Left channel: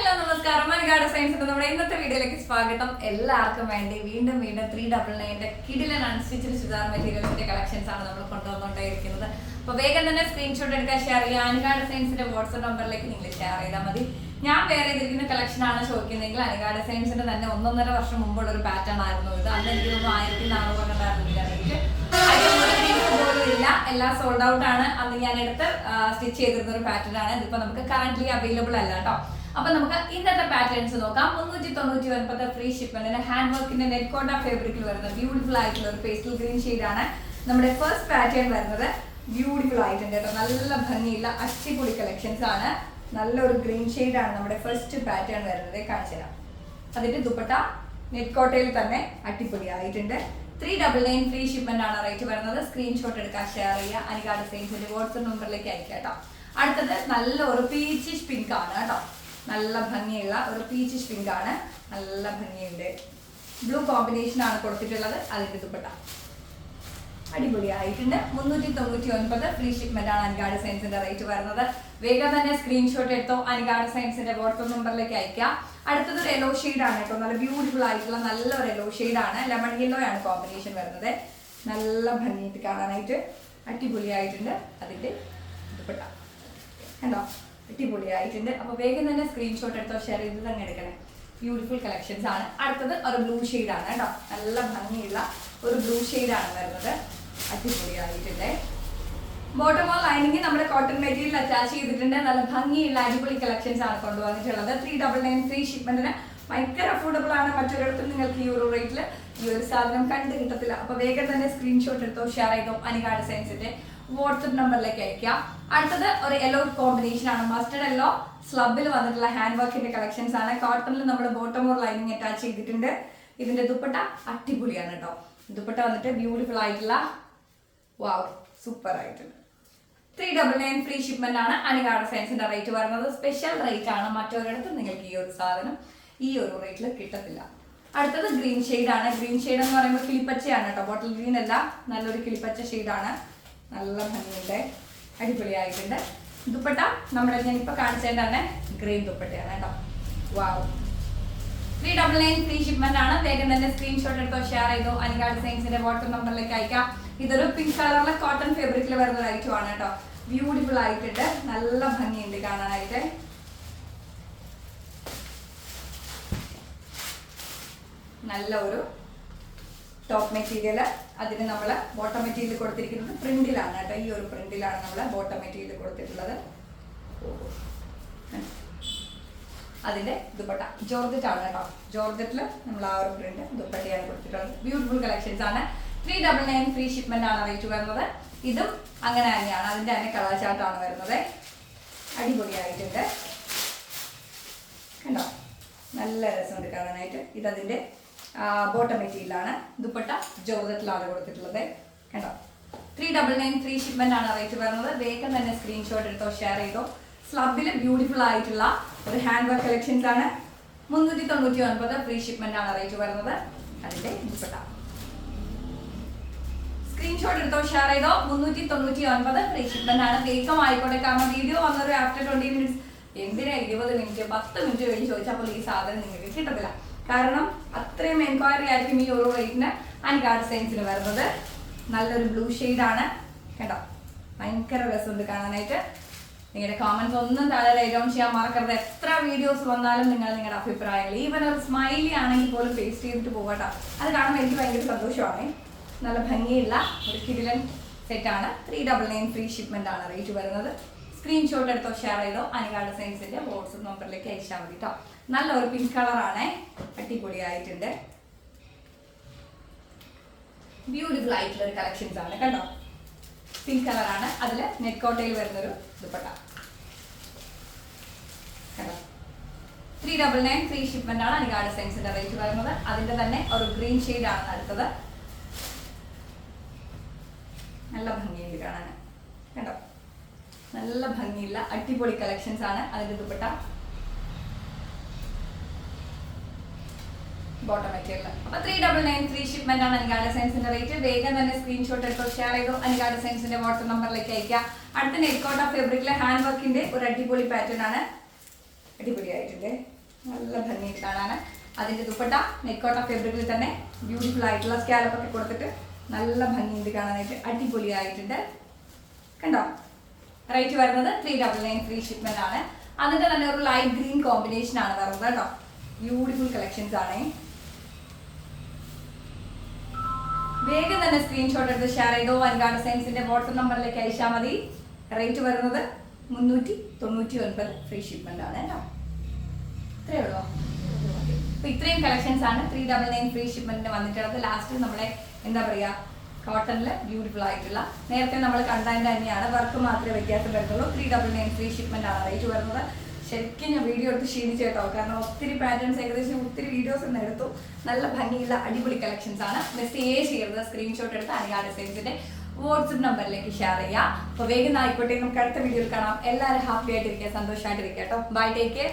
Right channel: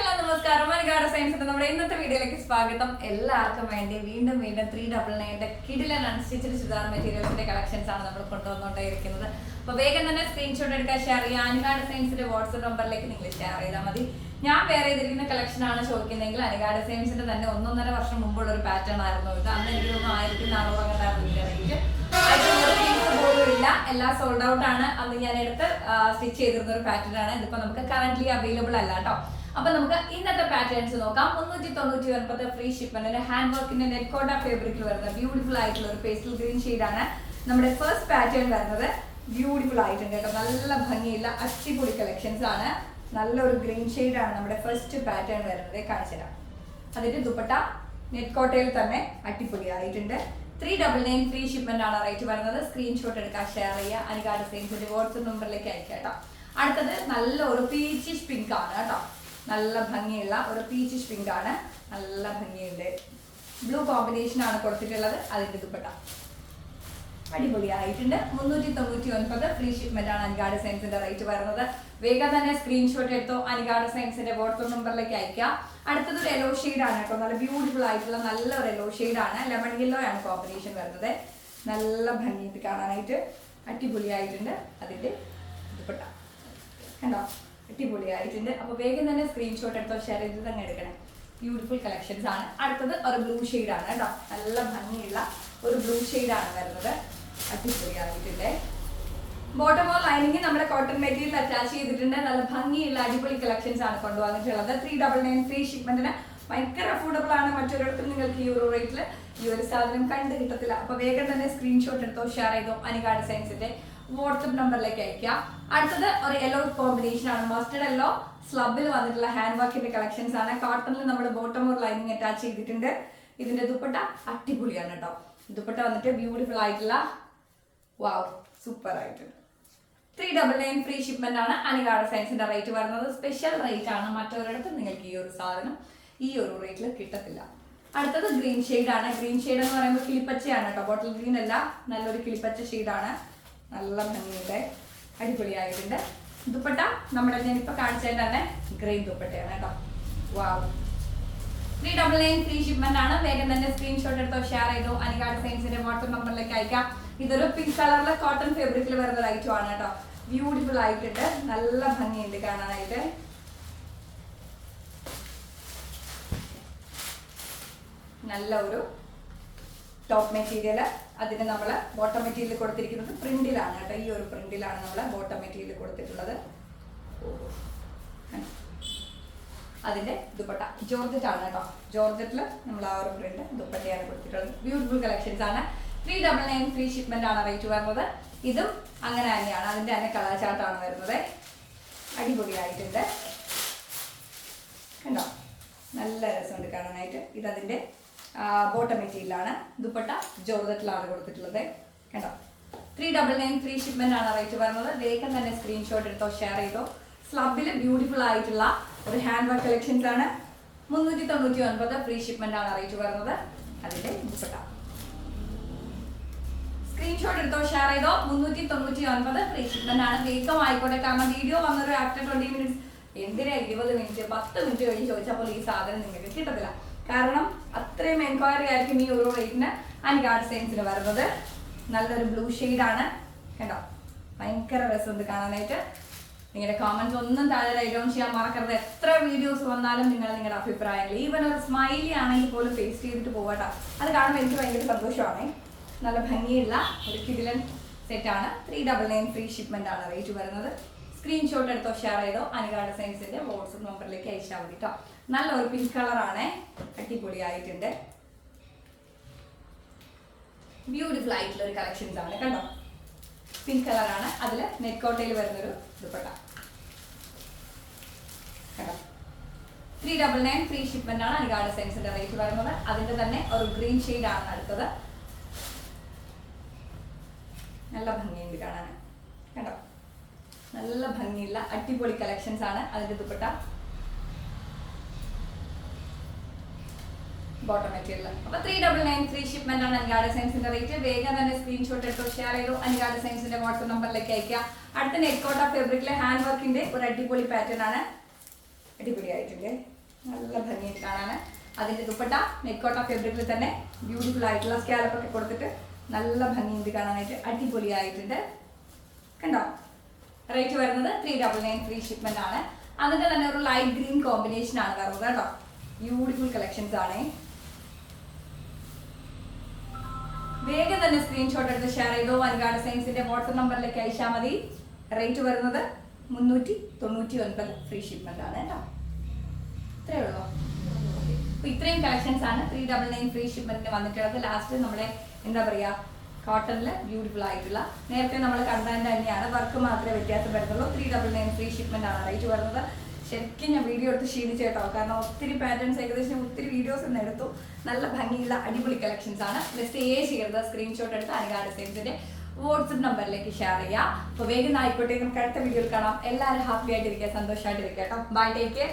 Hello നമസ്കാരം. മലയാള സയൻസിന്റെ നമ്മുടെ ഇന്നത്തെ വീഡിയോയിലേക്ക് സ്വാഗതം. എല്ലാവർക്കും വേണ്ടി വീണ്ടും 399 കിടിലൻ അൺസ്റ്റിച്ചഡ് ചുരിദാർ മെറ്റീരിയൽസിന്റെ കളക്ഷൻസ് ആണ് നമ്മൾ കൊണ്ടുവന്നുകൊണ്ടേയിരിക്കുന്നത്. അപ്പോൾ വേഗം തന്നെ സ്ക്രീൻഷോട്ട് എടുക്കാൻ ഷെയർ ചെയ്യുക. അനികാട് സയൻസിന്റെ വാട്സ്ആപ്പ് നമ്പറിലേക്ക് നിങ്ങൾ ഷെയർ ചെയ്താൽ മതി. ഞാൻ വേറെ ചെയ്തിരിക്കുന്ന കളക്ഷൻ ആണ് ചോദിക്കുന്നതെങ്കിൽ അനികാട് സയൻസിന്റെ തന്നെ 1.5 വർഷം മുമ്പുള്ള ഒരു പാറ്റേൺ ആയിരുന്നു ഇത്. അന്ന് എനിക്ക് തോന്നുന്നു 1400 പോലും ഇല്ല. എല്ലാം സോൾഡ് ഔട്ട് ആണ്. അന്ന് ഞാൻ എടുത്ത് സ്റ്റിച്ച് ചെയ്തിരുന്ന ഒരു പാറ്റേൺ ആണ്. ഇതിപ്പോ നമുക്ക് കറന്റ്ലി അവൈലബിൾ അല്ല കേട്ടോ. അപ്പൊ നമുക്ക് ഇന്നത്തെ പാറ്റേൺസ് നോക്കാം. 399 ഫ്രീ ഷിപ്മെന്റിന് ഹാൻഡ് വർക്കിന്റെ നെറ്റ് കോട്ട ഫാബ്രിക്കിൽ വരുന്നത് ബ്യൂട്ടിഫുൾ ആയിട്ടുള്ള ഒരു പേസ്റ്റൽ ഗ്രീൻ ഷെയ്ഡ് ആണ് നമ്മുടെ ഫസ്റ്റ് പാറ്റേൺ വരുന്നത്. ബ്യൂട്ടിഫുൾ ആയിട്ടുണ്ട് കേട്ടോ, നല്ല ഭംഗിയുള്ള അടിപൊളി കളക്ഷൻസ് ആണ്. നല്ലൊരു ഗ്രീൻ ഷെയ്ഡ് ആണ് നമ്മുടെ ഫസ്റ്റ് പാറ്റേൺ വരുന്നത്. കാണിച്ചു തരാം. അതിന്റെ ദുപ്പട്ട നെറ്റ് കോട്ടയിൽ തന്നെ അടിപൊളി ആയിട്ടുണ്ട്. 399 ഫ്രീ ഷിപ്മെന്റ് ആണ് റേറ്റ് വരുന്നത്. സ്ക്രീൻഷോട്ട് എടുക്കാൻ ഷെയർ ചെയ്യുക. അനികാട് സയൻസിന്റെ വാട്സ്ആപ്പ് നമ്പറിലേക്ക് അയക്കാം കേട്ടോ. അടുത്തത് നല്ലൊരു പീച്ചിഷ് പിങ്ക് ആണ് കേട്ടോ. നല്ല ഭംഗിയുള്ള ഒരു പീച്ചിഷ് പിങ്ക് ആണ്. നല്ല ഭംഗിയുണ്ട്. ബ്ലൂ കോമ്പിനേഷൻ ആണ് കൊടുത്തിട്ടുള്ളത്. അതിന്റെ ദുപ്പട്ട അടിപൊളിയായിട്ടുണ്ട്. 399 ഫ്രീ ഷിപ്മെന്റ് ആണ് അനികാട് സയൻസിന്റെ റേറ്റ് വരുന്നത്. വേഗം തന്നെ സ്ക്രീൻഷോട്ട് എടുത്തോ. അനികാട് സയൻസിന്റെ വാട്സ്ആപ്പ് നമ്പറിലേക്ക് അയക്കാം. അടുത്തത് ഒരു യെല്ലോ ഷെയ്ഡ് ആണ് കേട്ടോ. നല്ല ബ്യൂട്ടിഫുൾ ആയിട്ടുള്ള നല്ലൊരു യെല്ലോ ഷെയ്ഡ് ആണ്. ലെമൺ യെല്ലോ ആണ് കോമ്പിനേഷൻ വരുന്നത്. നല്ല ഭംഗിയിട്ട് കാണാനായിട്ട് അടിപൊളിയായിട്ടുണ്ട്. അതിന്റെ ദുപ്പട്ട കണ്ടോ, അടിപൊളിയായിട്ടുണ്ട്. അപ്പൊ വേഗം തന്നെ സ്ക്രീൻഷോട്ട് എടുത്തോ, ഷെയർ ചെയ്ത് തന്നെ എടുക്കണേ. ബ്യൂട്ടിഫുൾ കളക്ഷൻസ് ആണ്. അടുത്തത് ഒരു ബ്ലൂ ഷെയ്ഡ് ആണ് കേട്ടോ. നല്ല ഭംഗിയുള്ള ഒരു ബ്ലൂ ഷെയ്ഡ് ആണ് വരുന്നത്. അടിപൊളിയായിട്ടുണ്ട്. ബോട്ടം ഓർ ലൈനിങ് നമ്മുടെ കോട്ടൺ മെറ്റീരിയൽ അറ്റാച്ച് ചെയ്തിട്ടുണ്ട്. നല്ല ഭംഗിയുള്ള അടിപൊളി കളക്ഷൻസ് ആണ് കൊണ്ടുവന്നിട്ടുള്ളത്. 399 ഫ്രീ ഷിപ്മെന്റിന് ഭയങ്കര അഫോർഡബിൾ ആണ്. മറ്റൊരിടത്തും നിങ്ങൾക്ക് ഈ ഒരു റേറ്റിൽ ഈ ഒരു സാധനം കണ്ടു കിട്ടത്തില്ല. അപ്പൊ വേഗം തന്നെ സ്ക്രീൻഷോട്ട് എടുത്തോ, ഷെയർ ചെയ്തോ. അനികാട് സയൻസിന്റെ വാട്സ്ആപ്പ് നമ്പറിലേക്ക് അയക്കാം. അടുത്തത് ഒരു യെല്ലോ കോമ്പിനേഷൻ ആണ്. മസ്റ്റർഡ് യെല്ലോ സ്ലബിൽ വന്നിട്ടുള്ള ഹാൻഡ് വർക്കിന്റെ കളക്ഷൻസ് ആണ്. കോട്ടണിൽ നമ്മുടെ ബോട്ടം ഓർ ലൈനിങ് അറ്റാച്ച് ചെയ്തിട്ടുണ്ട്. ഇതിന്റെ ദുപ്പട്ട അടിപൊളിയാണ് കേട്ടോ. ദുപ്പട്ട വന്നിട്ട് ബ്യൂട്ടിഫുൾ ആയിട്ടുള്ള വാവ് സൂപ്പർ ആയിട്ടുണ്ട്. 399 ഫ്രീ ഷിപ്മെന്റ് ആണ് അനികാട് സയൻസിന്റെ റേറ്റ് വരുന്നത്. സ്പെഷ്യൽ റേറ്റ് ആണ്. മറ്റൊരിടത്തും നിങ്ങൾക്ക് ഈ ഒരു സാധനം ഈ ഒരു റേറ്റിൽ കിട്ടത്തില്ല. അടുത്തത് ഗ്രീൻ ഷെയ്ഡ് ആണ്. ഗ്രീൻ ഷെയ്ഡ് എന്ന് പറയുമ്പോൾ കിളിപ്പച്ചയാണ് കേട്ടോ. ബോട്ടിൽ ഗ്രീൻ അല്ല, നല്ലൊരു കിളിപ്പച്ച ഷെയ്ഡാണ്. നല്ല ഭംഗിയുണ്ട്, അടിപൊളിയായിട്ടുണ്ട്. ദുപ്പട്ട നമ്മുടെ ഞാനിപ്പോൾ കാണിച്ചതിൻ്റെ തന്നെ ഗ്രീൻ ദുപ്പട്ടയാണ് കേട്ടോ. വാവ്. 399 ഫ്രീ ഷിപ്മെന്റ് ആണ്. വേഗം തന്നെ സ്ക്രീൻഷോട്ട് എടുത്തോ, ഷെയർ ചെയ്തോ. അനികാട് സയൻസിന്റെ വാട്സ്ആപ്പ് നമ്പറിലേക്ക് അയക്കാം. ഇതൊരു പിങ്ക് കളറിലെ കോട്ടൺ ഫാബ്രിക്കിൽ വരുന്ന ഐറ്റം ആണ് കേട്ടോ. ബ്യൂട്ടിഫുൾ ആയിട്ടുണ്ട്. നല്ല ഭംഗിയുണ്ട് കാണാനായിട്ട്. നല്ല ഒരു ടോപ്പ് മെറ്റീരിയൽ. അതിന് നമ്മൾ ബോട്ടം മെറ്റീരിയൽ കൊടുത്തിരിക്കുന്നത് പ്രിന്റിലാണ് കേട്ടോ. ഈ ഒരു പ്രിന്റിലാണ് നമ്മൾ ബോട്ടം മെറ്റീരിയൽ കൊടുത്തിട്ടുള്ളത്. അതിന്റെ ദുപ്പട്ട ജോർജറ്റ് ആണ് കേട്ടോ. ജോർജറ്റിൽ നമ്മൾ ആ ഒരു പ്രിന്റ് ദുപ്പട്ടയാണ് കൊടുത്തിട്ടുള്ളത്. ബ്യൂട്ടിഫുൾ കളക്ഷൻസ് ആണ്. 399 ഫ്രീ ഷിപ്മെന്റ് ആണ് റേറ്റ് വരുന്നത്. ഇതും അങ്ങനെ തന്നെയാണ്. അതിന്റെ തന്നെ കളർ ചാർട്ടാണ് വരുന്നത്. അടിപൊളിയായിട്ടുണ്ട് കണ്ടോ, നല്ല രസമുണ്ട് കാണാനായിട്ട്. ഇതതിന്റെ ബോട്ടം മെറ്റീരിയലാണ്. ദുപ്പട്ട ജോർജറ്റിലാണ് കൊടുത്തിട്ടുള്ളത് കണ്ടോ. 399 ഫ്രീ ഷിപ്മെന്റ് ആണ് റേറ്റ് വരുന്നത്. വേഗം തന്നെ സ്ക്രീൻഷോട്ട് എടുത്തോ, ഷെയർ ചെയ്തോ. സ്ലബിൽ ബ്യൂട്ടിഫുൾ ആയിട്ടുള്ള ഒരു ഹാൻഡ് വർക്ക് കളക്ഷൻസ് ആണ്. 399 ഫ്രീ ഷിപ്മെന്റ് ആണ് റേറ്റ് വരുന്നത്. അതിന്റെ ദുപ്പട്ട സ്ക്രീൻഷോട്ട് എടുത്തോ, ഷെയർ ചെയ്തോ. 399 ഫ്രീ ഷിപ്മെന്റ് ആണ്. വേഗം ആയിക്കോട്ടെ. കാരണം വീഡിയോ വന്നൊരു ആഫ്റ്റർ 20 മിനിറ്റ്സ് എന്തിനാ 20 മിനിറ്റ് 10 മിനിറ്റ് കഴിഞ്ഞ് ചോദിച്ചപ്പോൾ ഈ സാധനം നിങ്ങൾക്ക് കിട്ടത്തില്ല. കാരണം അത്രയും എൻക്വയറി ആയിരിക്കും ഈ ഒരു റേറ്റിന് അനികാട് സയൻസിൽ വരുന്നത്. നല്ലൊരു ബ്ലൂ ഷെയ്ഡാണ് കേട്ടോ. ഭയങ്കര രസമുണ്ട് കാണാനായിട്ട്. നിങ്ങളുടെ കോമൻസ് ഒന്നും താഴെ റൈറ്റ് ഡൗൺ ചെയ്യാൻ മറക്കരുത്. എത്ര വീഡിയോസ് വന്നാലും നിങ്ങൾ നിങ്ങളുടെ അഭിപ്രായങ്ങൾ ഈവൻ ഒരു സ്മൈലി ആണെങ്കിൽ പോലും പേസ്റ്റ് ചെയ്തിട്ട് പോകട്ടോ. അത് കാണുമ്പോൾ എനിക്ക് ഭയങ്കര സന്തോഷമാണ്. നല്ല ഭംഗിയുള്ള ഒരു കിടിലൻ സെറ്റാണ്. 399 ഫ്രീ ഷിപ്മെന്റ് ആണ് റേറ്റ് വരുന്നത്. സ്ക്രീൻഷോട്ട് എടുത്തോ, ഷെയർ ചെയ്തോ. അനികാട് സയൻസിന്റെ വാട്സ്ആപ്പ് നമ്പറിലേക്ക് അയച്ചാൽ മതി കേട്ടോ. നല്ലൊരു പിങ്ക് കളറാണ്. അടിപൊളിയായിട്ടുണ്ട്. ബ്യൂട്ടിഫുൾ ആയിട്ടുള്ള ഒരു കളക്ഷൻസ് ആണ് കണ്ടോ. പിങ്ക് കളറാണ്. അതിൽ നെറ്റ് കോട്ടയിൽ വരുന്നൊരു ദുപ്പട്ട കണ്ടോ. 399 ഫ്രീ ഷിപ്മെന്റ് ആണ് അനികാട് സയൻസിന്റെ റേറ്റ് വരുന്നത്. അതിന്റെ തന്നെ ഒരു ഗ്രീൻ ഷെയ്ഡ് ആണ് അടുത്തത്. നല്ല ഭംഗിയുണ്ട് കാണാൻ കണ്ടോ. നല്ല ഭംഗിയുള്ള അടിപൊളി കളക്ഷൻസ് ആണ്. അതിന്റെ ദുപ്പട്ട ബോട്ടം മെറ്റീരിയൽ. അപ്പൊ 399 ഫ്രീ ഷിപ്മെന്റ് ആണ് അനികാട് സയൻസിന്റെ റേറ്റ്. വേഗം തന്നെ സ്ക്രീൻഷോട്ട് എടുത്തോ, ഷെയർ ചെയ്തോ. അനികാട് സയൻസിന്റെ വാട്സ്ആപ്പ് നമ്പറിലേക്ക് അയക്കാം. അടുത്ത നെറ്റ് കോട്ട ഫാബ്രിക്കിലെ ഹാൻഡ് വർക്കിന്റെ ഒരു അടിപൊളി പാറ്റേൺ ആണ്. അടിപൊളിയായിട്ടുണ്ട്. ആയിട്ടുണ്ട്, നല്ല ഭംഗിയായിട്ട് കാണാൻ. അതിന്റെ ദുപ്പട്ട നെക്കോട്ട ഫാബ്രിക്കിൽ തന്നെ ബ്യൂട്ടിഫുൾ ആയിട്ടുള്ള സ്കാലപ്പ് ഒക്കെ കൊടുത്തിട്ട് നല്ല ഭംഗിയുണ്ട് കാണാനായിട്ട്, അടിപൊളിയായിട്ടുണ്ട്. കണ്ടോ? റേറ്റ് വരുന്നത് 399 ഫ്രീ ഷിപ്മെന്റ് ആണ്. അതിന്റെ തന്നെ ഒരു ലൈറ്റ് ഗ്രീൻ കോമ്പിനേഷൻ ആണ് വരുന്നത് കേട്ടോ. ബ്യൂട്ടിഫുൾ കളക്ഷൻസ് ആണ്. വേഗം തന്നെ സ്ക്രീൻഷോട്ട് എടുത്ത് ഷെയർ ചെയ്തോ. അൻഗാ ഡിസൈൻസിന്റെ വാട്സ്ആപ്പ് നമ്പറിലേക്ക് അയച്ചാൽ മതി. റേറ്റ് വരുന്നത് 399 ഫ്രീ ഷിപ്മെന്റ് ആണ് കേട്ടോ. ഇത്രയേ ഉള്ളൂ. അപ്പൊ ഇത്രയും കളക്ഷൻസ് ആണ് 399 ഫ്രീ ഷിപ്മെന്റിന് വന്നിട്ടുള്ളത്. ലാസ്റ്റ് നമ്മുടെ എന്താ പറയാ, കോട്ടണിൽ ബ്യൂട്ടിഫുൾ ആയിട്ടുള്ള നേരത്തെ നമ്മൾ കണ്ടത് തന്നെയാണ്, വർക്ക് മാത്രമേ വ്യത്യാസം വരുന്നുള്ളൂ. 399 ഫ്രീ ഷിപ്മെന്റ് ആണ് റേറ്റ് വരുന്നത്. ശരിക്കും ഞാൻ വീഡിയോ എടുത്ത് ക്ഷീണിച്ചു കേട്ടോ, കാരണം ഒത്തിരി പാറ്റേൺസ് ഏകദേശം ഒത്തിരി വീഡിയോസ് ഇന്ന് എടുത്തു. നല്ല ഭംഗിയുള്ള അടിപൊളി കളക്ഷൻസ് ആണ്. മെസ്സേജ് ചെയ്ത് സ്ക്രീൻഷോട്ട് എടുത്ത് അൻഗാ ഡിസൈൻസിന്റെ വാട്സ്ആപ്പ് നമ്പറിലേക്ക് ഷെയർ ചെയ്യാം. അപ്പോൾ വേഗം ആയിക്കോട്ടെ, നമുക്ക് അടുത്ത വീഡിയോയിൽ കാണാം. എല്ലാവരും ഹാപ്പി ആയിട്ടിരിക്കുക, സന്തോഷമായിട്ടിരിക്കുക കേട്ടോ. Bye, take care.